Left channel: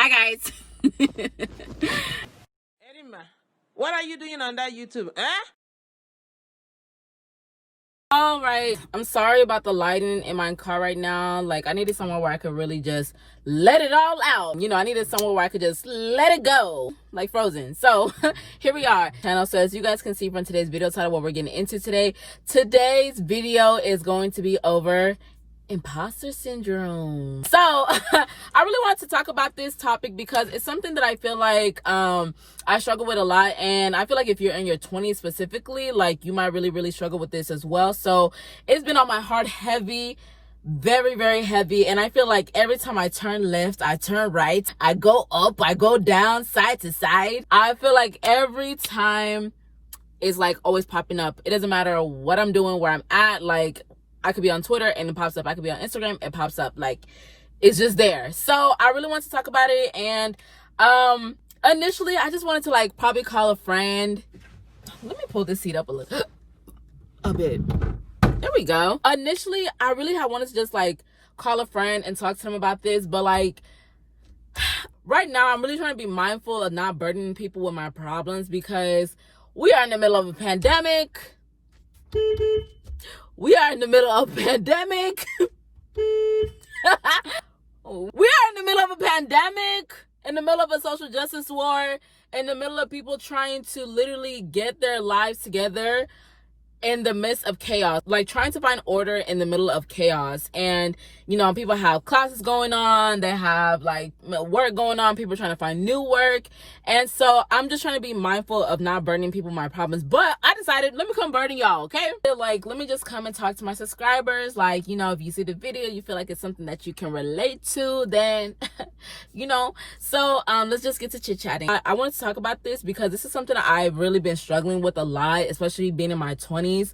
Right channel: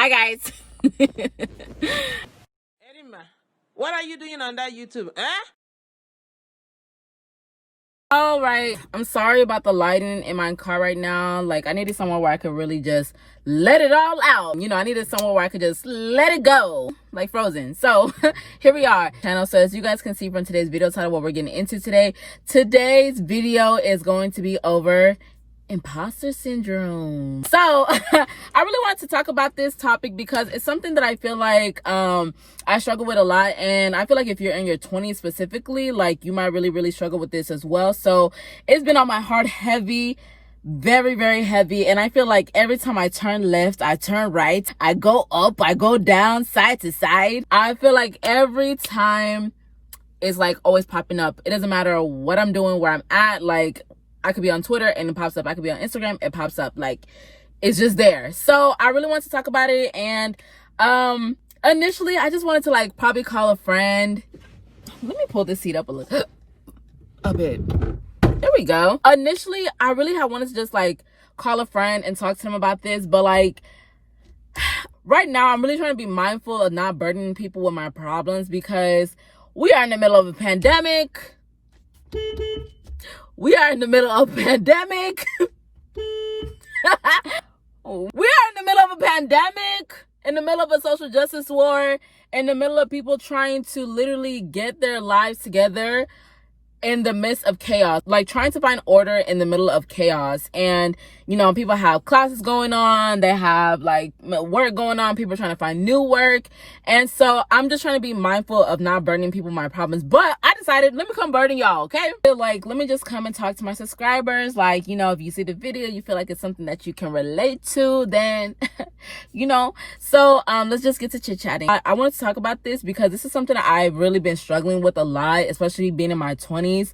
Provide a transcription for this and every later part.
Hi guys. Erima, what are you doing on that YouTube? All right, I'm sorry about the lighting in my car right now. Like, I needed somewhere where I could really just let it all out. I needed somewhere where I could just let it go, like Frozen. So here we are. Channel. So as you guys can see from today's video title, what we're getting into today's video is going to be over Imposter Syndrome. So I really wanted to talk about this topic because it's something that I feel like I struggle with a lot, and I feel like if you're in your 20s specifically, like, you might really struggle with this as well. So it's been on my heart heavy, very heavy, and I feel like every time I turn left, I turn right, I go up, I go down, side to side. I feel like every time it's like always popping up. It doesn't matter what I'm doing, where I'm at. Like, I could be on Twitter and it pops up. I could be on Instagram, it pops up. Like, it's just there. So I really want to talk about it. And initially I just wanted to like probably call a friend. Let me pull this seat up a bit. There we go. Initially I really had wanted to just like call a friend and talk to them about this, but like right now I'm really trying to be mindful of not burdening people with my problems, because we are in the middle of a pandemic. We are in the middle of a pandemic. We are in the middle of a pandemic, in the middle of a social justice war, in the middle of people trying to literally get their lives together in the midst of chaos, like trying to find order in the middle of chaos. And people have classes going on, they have like work going on, people are trying to find new work. And so I'm just trying to be mindful of not burdening people with my problems. But I decided, let me come burden y'all, okay? Like, let me just come and talk to my subscribers. Like, if you see the video, you feel like it's something that you can relate to, then so let's just get to chit-chatting. I wanted to talk about this because this is something that I've really been struggling with a lot, especially being in my 20s.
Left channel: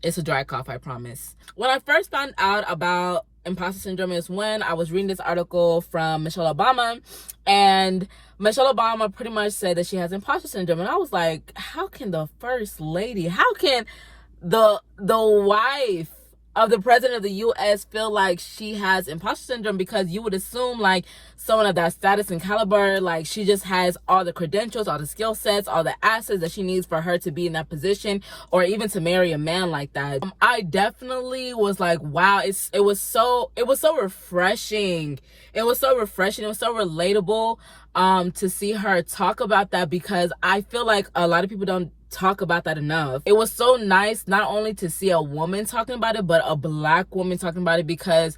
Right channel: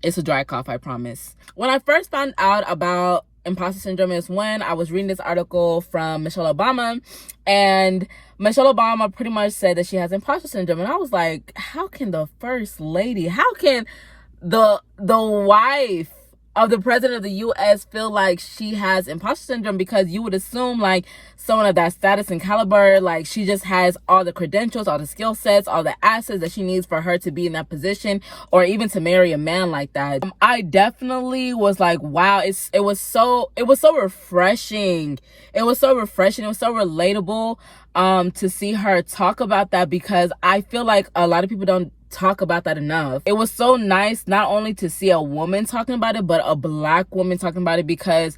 It's a dry cough, I promise. When I first found out about imposter syndrome is when I was reading this article from Michelle Obama, and Michelle Obama pretty much said that she has imposter syndrome. And I was like, how can the first lady, how can the wife of the president of the U.S. feel like she has imposter syndrome? Because you would assume like someone of that status and caliber, like she just has all the credentials, all the skill sets, all the assets that she needs for her to be in that position, or even to marry a man like that. I definitely was like, wow, it was so refreshing. It was so refreshing. It was so relatable to see her talk about that, because I feel like a lot of people don't talk about that enough. It was so nice not only to see a woman talking about it, but a Black woman talking about it, because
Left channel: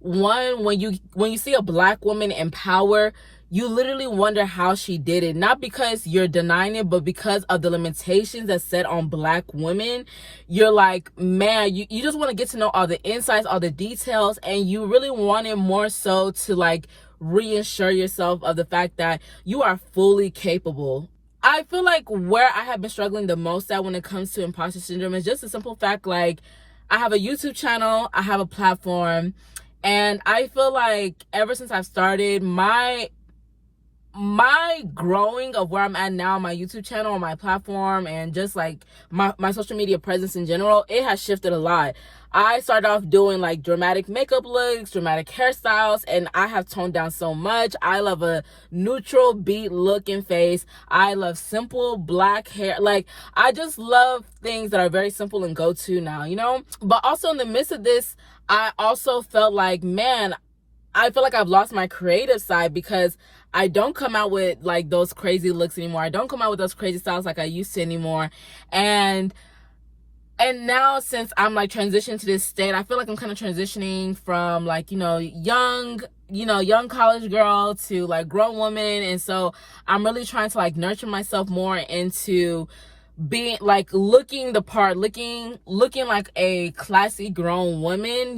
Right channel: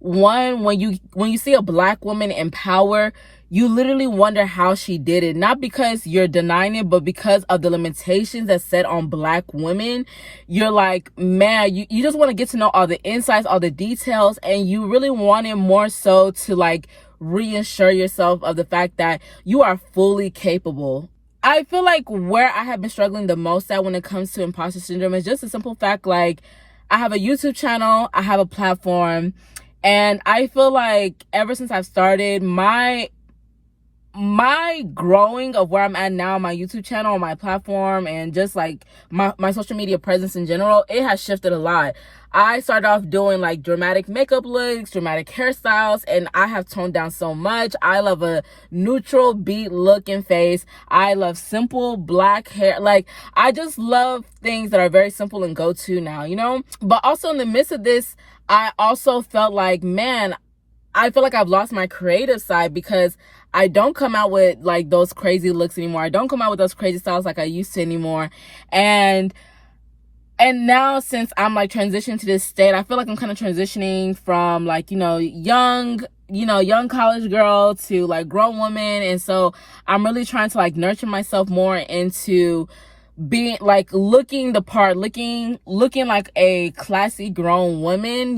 one, when you see a Black woman in power, you literally wonder how she did it. Not because you're denying it, but because of the limitations that's set on Black women. You're like, man, you just want to get to know all the insights, all the details, and you really want it more so to like reassure yourself of the fact that you are fully capable. I feel like where I have been struggling the most at when it comes to imposter syndrome is just a simple fact. Like, I have a YouTube channel, I have a platform, and I feel like ever since I've started my growing of where I'm at now, my YouTube channel, my platform, and just like my social media presence in general, it has shifted a lot. I started off doing like dramatic makeup looks, dramatic hairstyles, and I have toned down so much. I love a neutral beat look and face. I love simple Black hair. Like, I just love things that are very simple and go to now, But also in the midst of this, I also felt like, man, I feel like I've lost my creative side, because I don't come out with like those crazy looks anymore. I don't come out with those crazy styles like I used to anymore. And now, since I'm like transitioning to this state, I feel like I'm kind of transitioning from like, young college girl to like grown woman. And so I'm really trying to like nurture myself more into being like looking the part, looking like a classy grown woman,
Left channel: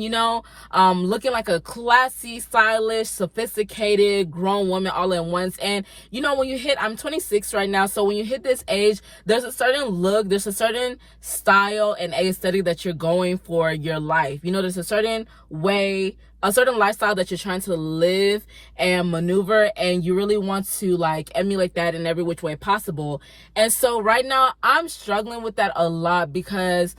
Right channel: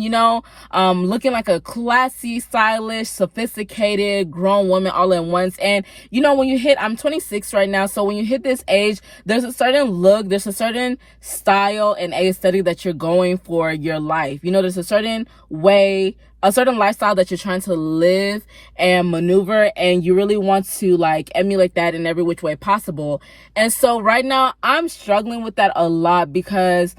looking like a classy, stylish, sophisticated grown woman all at once. And when you hit, I'm 26 right now, so when you hit this age, there's a certain look, there's a certain style and aesthetic that you're going for your life. There's a certain way, a certain lifestyle that you're trying to live and maneuver, and you really want to like emulate that in every which way possible. And so right now I'm struggling with that a lot, because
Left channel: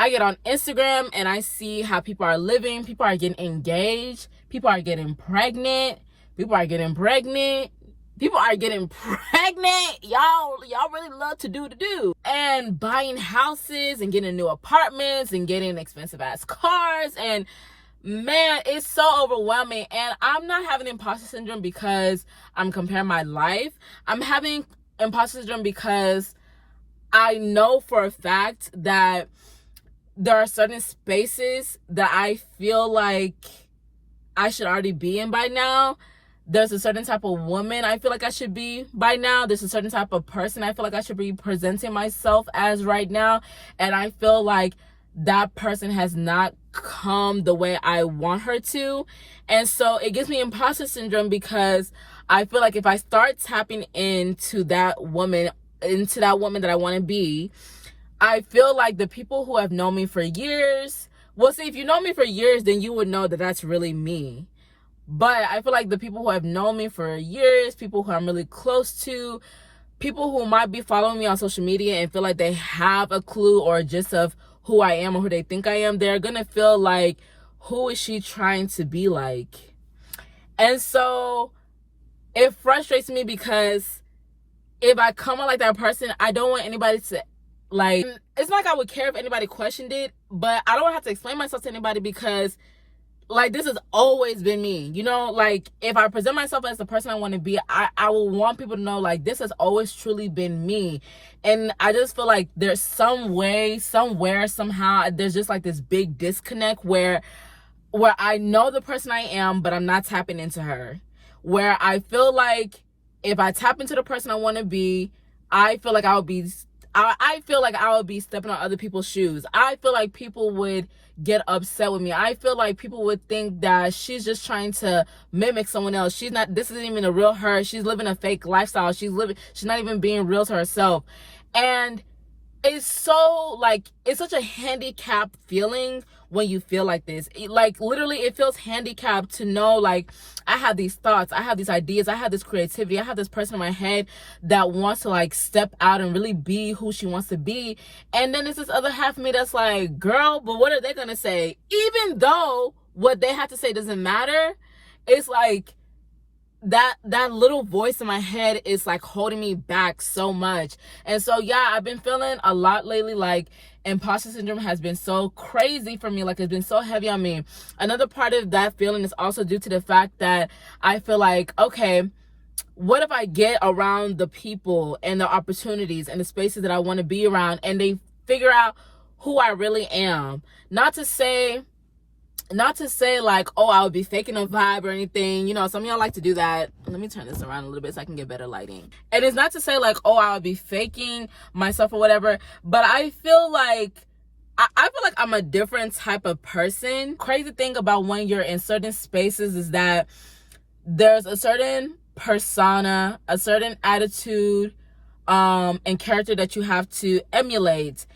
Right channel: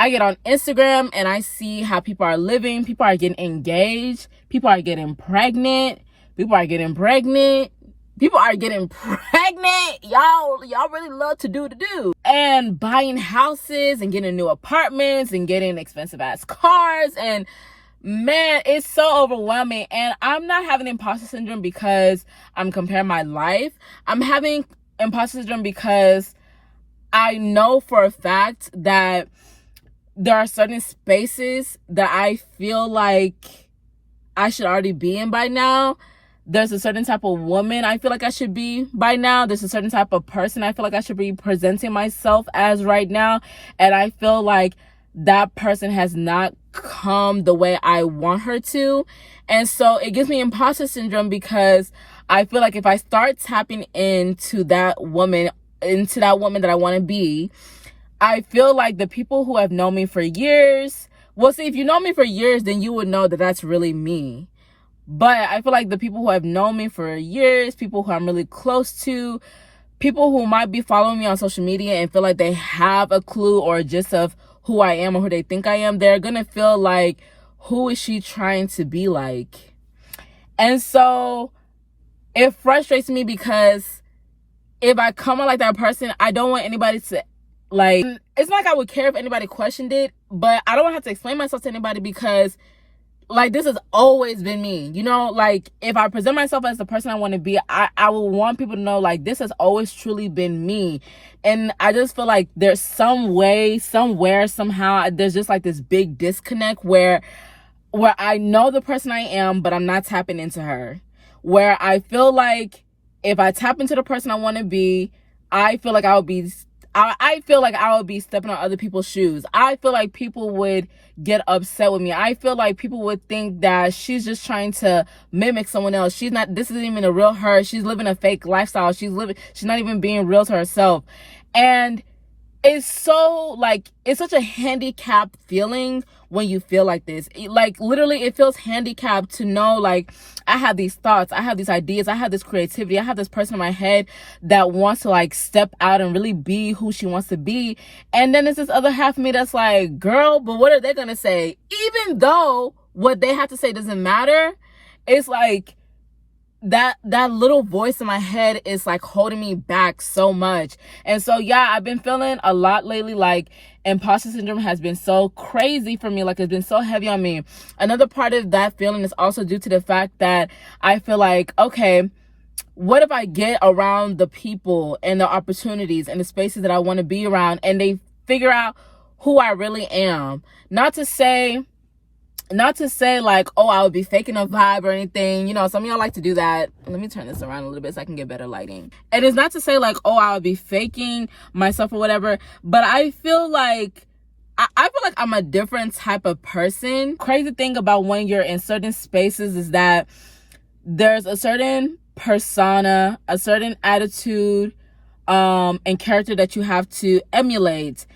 I get on Instagram and I see how people are living, people are getting engaged, People are getting pregnant. People are getting pregnant. People are getting pregnant. Y'all really love to do. And buying houses and getting new apartments and getting expensive ass cars. And man, it's so overwhelming. And I'm not having imposter syndrome because I'm comparing my life. I'm having imposter syndrome because I know for a fact that there are certain spaces that I feel like I should already be in by now. There's a certain type of woman I feel like I should be by now. There's a certain type of person I feel like I should be presenting myself as right now. And I feel like that person has not come the way I want her to. And so it gives me imposter syndrome because I feel like if I start tapping into that woman that I want to be, I feel like the people who have known me for years, well, see, if you know me for years, then you would know that that's really me. But I feel like the people who have known me for years, people who I'm really close to, people who might be following me on social media and feel like they have a clue or gist of who I am or who they think I am, they're gonna feel like, who is she trying to be like? And so it frustrates me because if I come out like that person, I don't want anybody to, like, it's not like I would care if anybody questioned it, but I don't have to explain myself to anybody because, like, this has always been me. You know, like, if I present myself as the person I want to be, I will want people to know, like, this has always truly been me. And I just feel like there's some way, somewhere, somehow, there's just like this big disconnect where I know the person I am, but I'm not tapping into her. Where I feel like if I tap into the person I want to be, I feel like I would be stepping on other people's shoes. I feel like people would get upset with me. I feel like people would think that she's just trying to mimic someone else. This isn't even a real her. She's living a fake lifestyle. She's not even being real to herself. And it's so, like, it's such a handicapped feeling when you feel like this. Like, literally, it feels handicapped to know, like, I have these thoughts, I have these ideas, I have this creativity, I have this person in my head that wants to, like, step out and really be who she wants to be. And then there's this other half of me that's like, girl, but what are they gonna say? Even though what they have to say doesn't matter, it's like, that little voice in my head is like holding me back so much. And so yeah, I've been feeling a lot lately like imposter syndrome has been so crazy for me. Like, it's been so heavy on me. Another part of that feeling is also due to the fact that I feel like, okay, what if I get around the people and the opportunities and the spaces that I want to be around and they figure out who I really am? Not to say like, oh, I would be faking a vibe or anything. You know, some of y'all like to do that. Let me turn this around a little bit so I can get better lighting. And it's not to say like, oh, I would be faking myself or whatever, but I feel like I feel like I'm a different type of person. Crazy thing about when you're in certain spaces is that there's a certain persona, a certain attitude, and character that you have to emulate.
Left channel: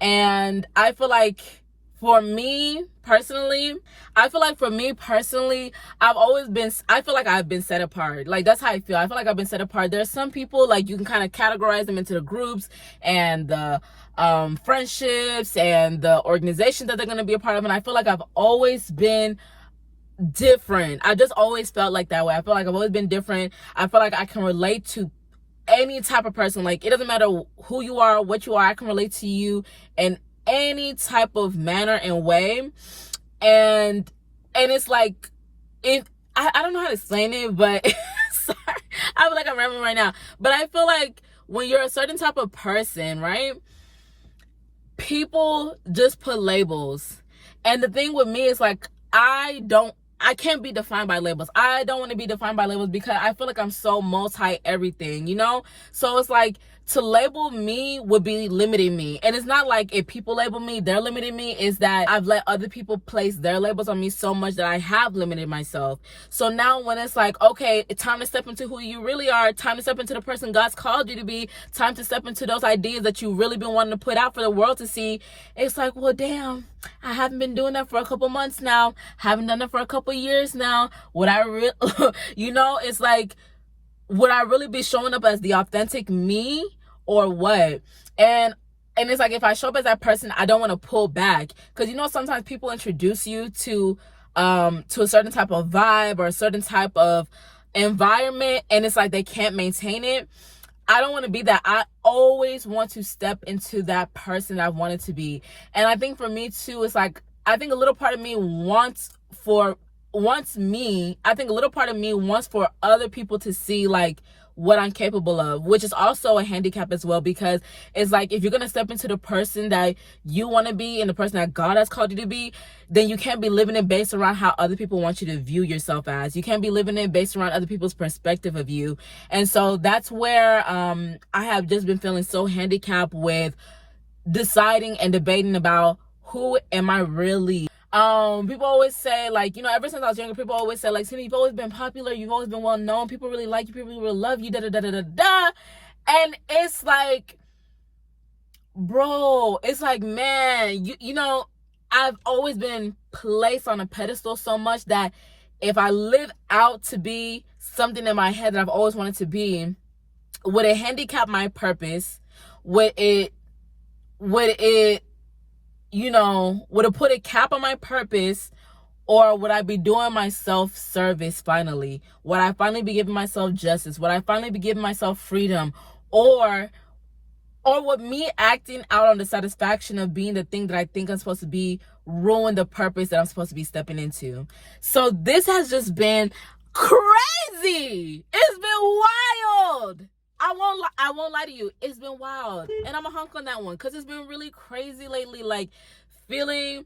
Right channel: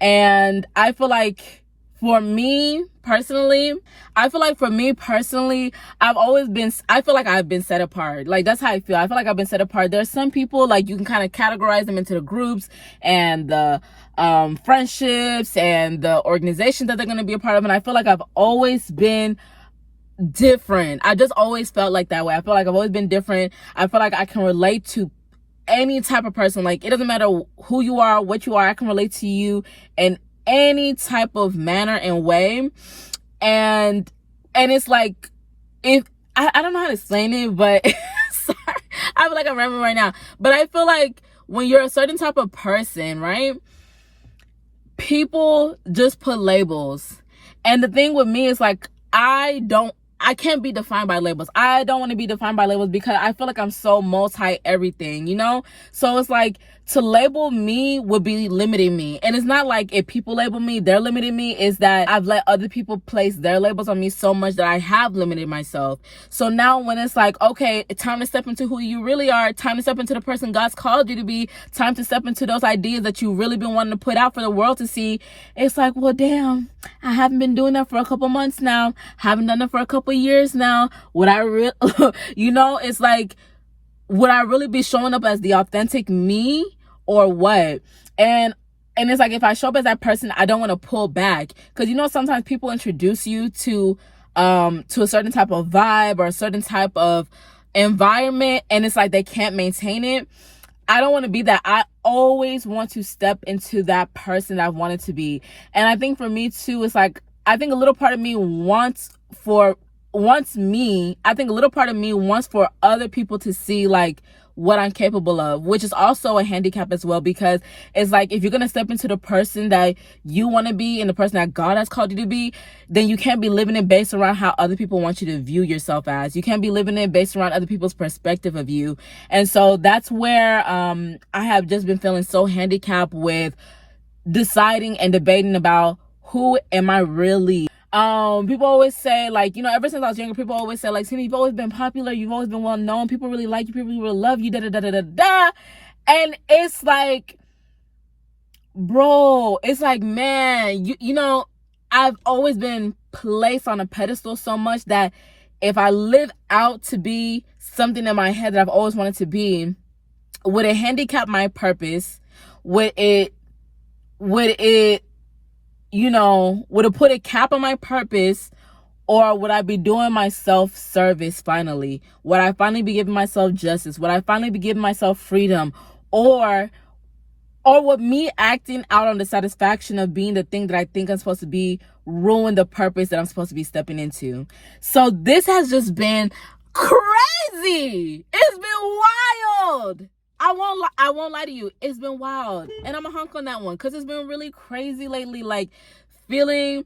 And I feel like for me personally, I feel like I've been set apart. Like, that's how I feel. I feel like I've been set apart. There's some people, like, you can kind of categorize them into the groups and the friendships and the organization that they're going to be a part of. And I feel like I've always been different. I just always felt like that way. I feel like I've always been different. I feel like I can relate to any type of person. Like, it doesn't matter who you are, what you are, I can relate to you in any type of manner and way. And it's like, if I don't know how to explain it, but sorry, I feel like I'm rambling right now. But I feel like when you're a certain type of person, right, people just put labels. And the thing with me is like, I can't be defined by labels. I don't want to be defined by labels because I feel like I'm so multi everything, you know? So it's like, to label me would be limiting me. And it's not like if people label me, they're limiting me. It's that I've let other people place their labels on me so much that I have limited myself. So now when it's like, okay, it's time to step into who you really are, time to step into the person God's called you to be, time to step into those ideas that you've really been wanting to put out for the world to see, it's like, well, damn, I haven't been doing that for a couple months now. Haven't done it for a couple years now. Would I really, you know, it's like, would I really be showing up as the authentic me or what? And it's like, if I show up as that person, I don't want to pull back. Because, you know, sometimes people introduce you to to a certain type of vibe or a certain type of environment, and it's like they can't maintain it. I don't want to be that. I always want to step into that person that I wanted to be. And I think for me too, it's like, I think a little part of me wants for other people to see like what I'm capable of, which is also a handicap as well, because it's like, if you're going to step into the person that you want to be and the person that God has called you to be, then you can't be living it based around how other people want you to view yourself as. You can't be living it based around other people's perspective of you. And so that's where I have just been feeling so handicapped with deciding and debating about who am I really. People always say, like, you know, ever since I was younger, people always say, like, Timmy, you've always been popular, you've always been well known, people really like you, people really love you, da da da da da da. And it's like, bro, it's like, man, you know, I've always been placed on a pedestal so much that if I live out to be something in my head that I've always wanted to be, would it handicap my purpose? Would it put a cap on my purpose? Or would I be doing my self-service finally? Would I finally be giving myself justice? Would I finally be giving myself freedom? Or would me acting out on the satisfaction of being the thing that I think I'm supposed to be ruin the purpose that I'm supposed to be stepping into? So this has just been crazy. It's been wild. I won't lie to you. It's been wild. And I'm a hunk on that one because it's been really crazy lately. Like, feeling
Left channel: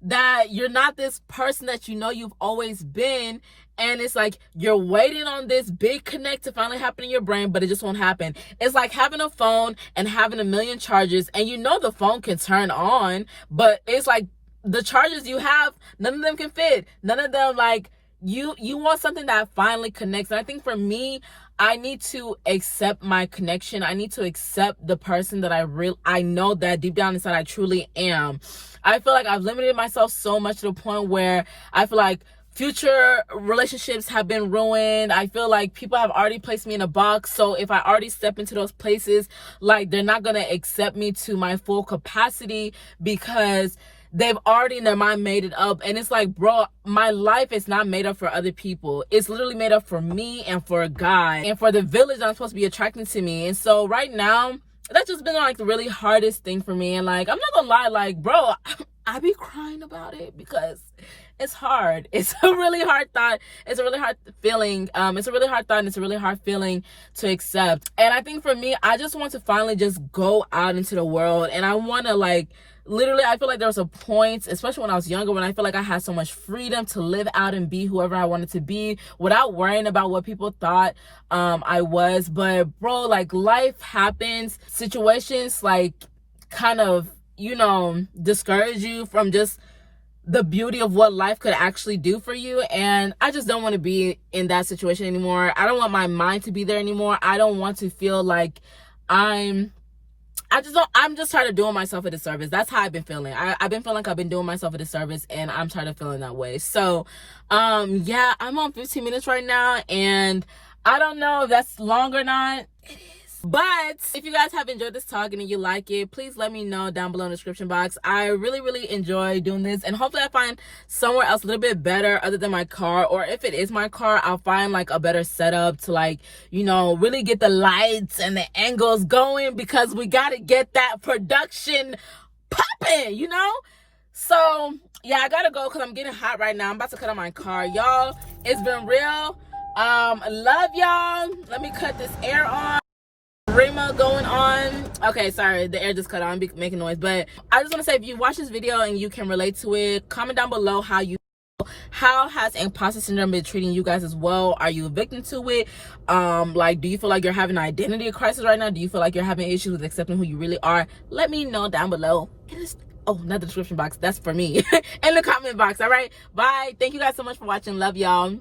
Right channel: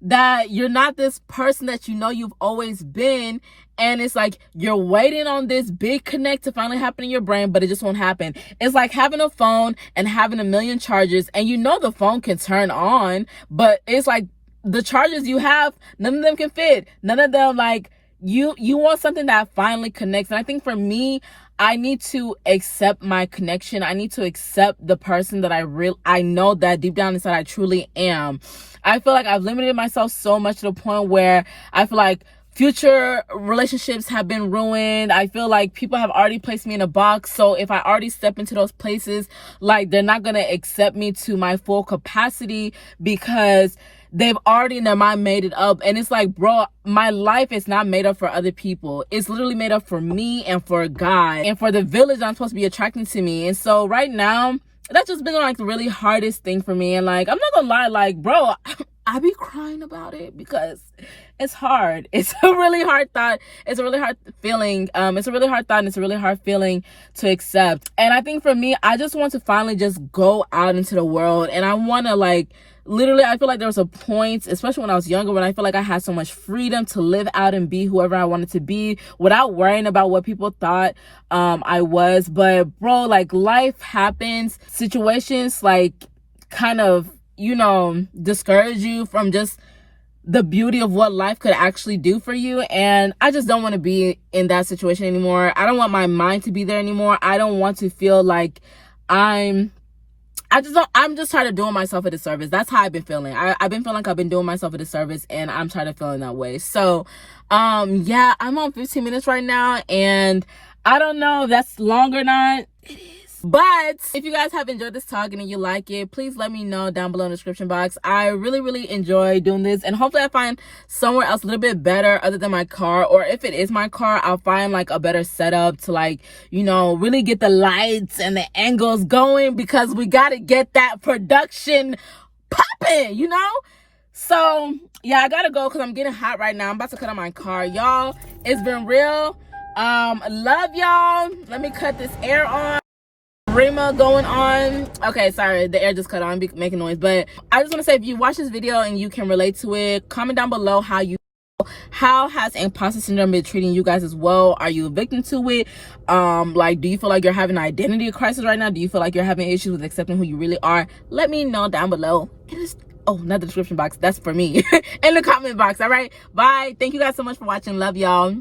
that you're not this person that you know you've always been. And it's like you're waiting on this big connect to finally happen in your brain, but it just won't happen. It's like having a phone and having a million chargers, and you know the phone can turn on, but it's like the chargers you have, none of them can fit. None of them, like, you want something that finally connects. And I think for me, I need to accept my connection. I need to accept the person that I know that deep down inside I truly am. I feel like I've limited myself so much to the point where I feel like future relationships have been ruined. I feel like people have already placed me in a box. So if I already step into those places, like, they're not going to accept me to my full capacity because they've already in their mind made it up. And it's like, bro, my life is not made up for other people. It's literally made up for me and for a guy and for the village I'm supposed to be attracting to me. And so right now, that's just been like the really hardest thing for me. And like, I'm not gonna lie, like, bro, I be crying about it because it's hard. It's a really hard thought. It's a really hard feeling. It's a really hard thought, and it's a really hard feeling to accept. And I think for me, I just want to finally just go out into the world, and I want to, like, literally, I feel like there was a point, especially when I was younger, when I feel like I had so much freedom to live out and be whoever I wanted to be without worrying about what people thought I was. But bro, like, life happens. Situations like kind of, you know, discourage you from just the beauty of what life could actually do for you. And I just don't want to be in that situation anymore. I don't want my mind to be there anymore. I don't want to feel like I'm just tired of doing myself a disservice. That's how I've been feeling. I've been feeling like I've been doing myself a disservice, and I'm tired of feeling that way. So, yeah, I'm on 15 minutes right now, and I don't know if that's long or not. It is. But if you guys have enjoyed this talk and you like it, please let me know down below in the description box. I really, really enjoy doing this, and hopefully I find somewhere else a little bit better other than my car. Or if it is my car, I'll find like a better setup to, like, you know, really get the lights and the angles going, because we got to get that production popping, you know? So yeah, I gotta go because I'm getting hot right now. I'm about to cut on my car. Y'all, it's been real. Love y'all. Let me cut this air on. Rima going on. Okay, sorry, the air just cut on, making noise. But I just want to say, if you watch this video and you can relate to it, comment down below how has imposter syndrome been treating you guys as well. Are you a victim to it? Like, do you feel like you're having an identity crisis right now? Do you feel like you're having issues with accepting who you really are? Let me know down below. Not the description box, that's for me. In the comment box. All right, bye. Thank you guys so much for watching. Love y'all.